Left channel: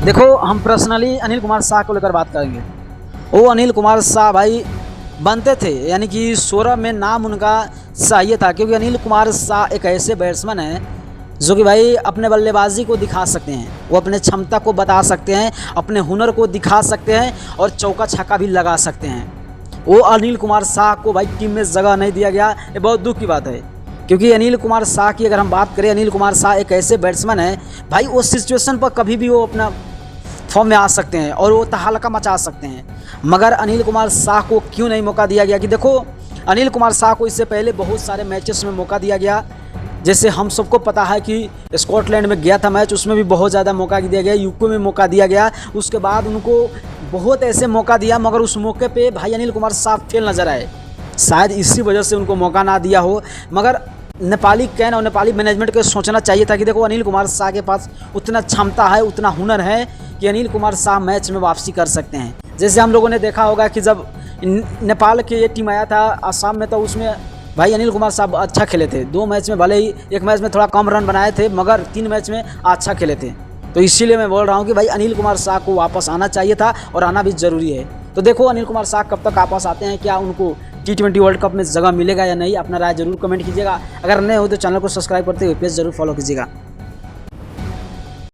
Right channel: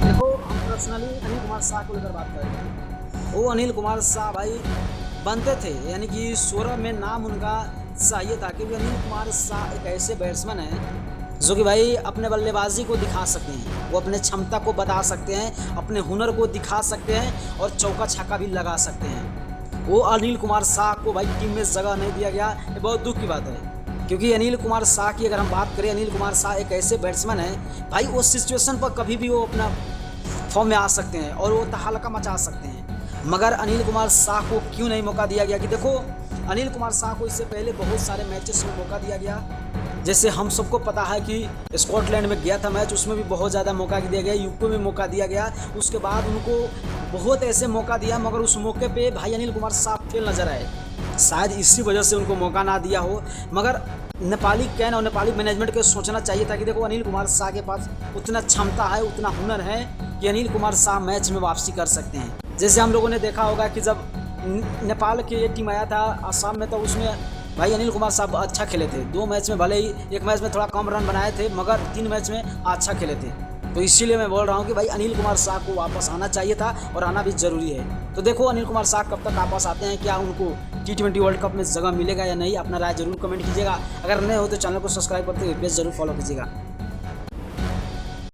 देखो, हम पर्सनली अनिल कुमार शाह को लेकर बात करेंगे। वो अनिल कुमार शाह भाई बनते थे, यानी कि 16 में नाम उनका चाहिए था, क्योंकि अनिल कुमार शाह एक ऐसे बैट्समैन हैं जो कि भाई अपने बल्लेबाजी को दिखा सकते हैं, वो अपने क्षमता को बता सकते हैं, अपने हुनर को दिखा सकते हैं और चौका छक्का भी लगा सकते हैं। वो अनिल कुमार शाह को भाई टीम में जगह नहीं दिया गया, ये बहुत दुख की बात है। क्योंकि अनिल कुमार शाह की अगर हम बात करें, अनिल कुमार शाह एक ऐसे बैट्समैन हैं भाई, वो सिचुएशन पर कभी भी वो अपना फॉर्म में आ सकते हैं और वो तहलका मचा सकते हैं। मगर अनिल कुमार शाह को क्यों नहीं मौका दिया गया? कि देखो, अनिल कुमार शाह को इससे पहले बहुत सारे मैचेस में मौका दिया गया। जैसे हम सबको पता है कि स्कॉटलैंड में गया था मैच, उसमें भी बहुत ज़्यादा मौका दिया गया, यूके में मौका दिया गया, उसके बाद उनको बहुत ऐसे मौका दिया, मगर उस मौके पे भाई अनिल कुमार शाह फेल नज़र आए। शायद इसी वजह से उनको मौका ना दिया हो। मगर नेपाली कैन और नेपाली मैनेजमेंट को सोचना चाहिए था कि देखो, अनिल कुमार शाह के पास उतना क्षमता है, उतना हुनर है कि अनिल कुमार शाह मैच में वापसी कर सकते हैं। जैसे हम लोगों ने देखा होगा कि जब नेपाल की ये टीम आया था आसाम में, तो उसमें भाई अनिल कुमार साहब अच्छा खेले थे। 2 मैच में, भले ही एक मैच में थोड़ा कम रन बनाए थे, मगर 3 मैच में अच्छा खेले थे। तो इसीलिए मैं बोल रहा हूँ कि भाई अनिल कुमार शाह को वापस आना चाहिए था और आना भी ज़रूरी है। तो देखो, अनिल कुमार शाह कब तक वापस आते हैं, क्या उनको T20 वर्ल्ड कप में जगह मिलेगा या नहीं? अपना राय जरूर कमेंट कीजिएगा। अगर नए हो तो चैनल को सब्सक्राइब करते हुए पेज जरूर फॉलो कीजिएगा।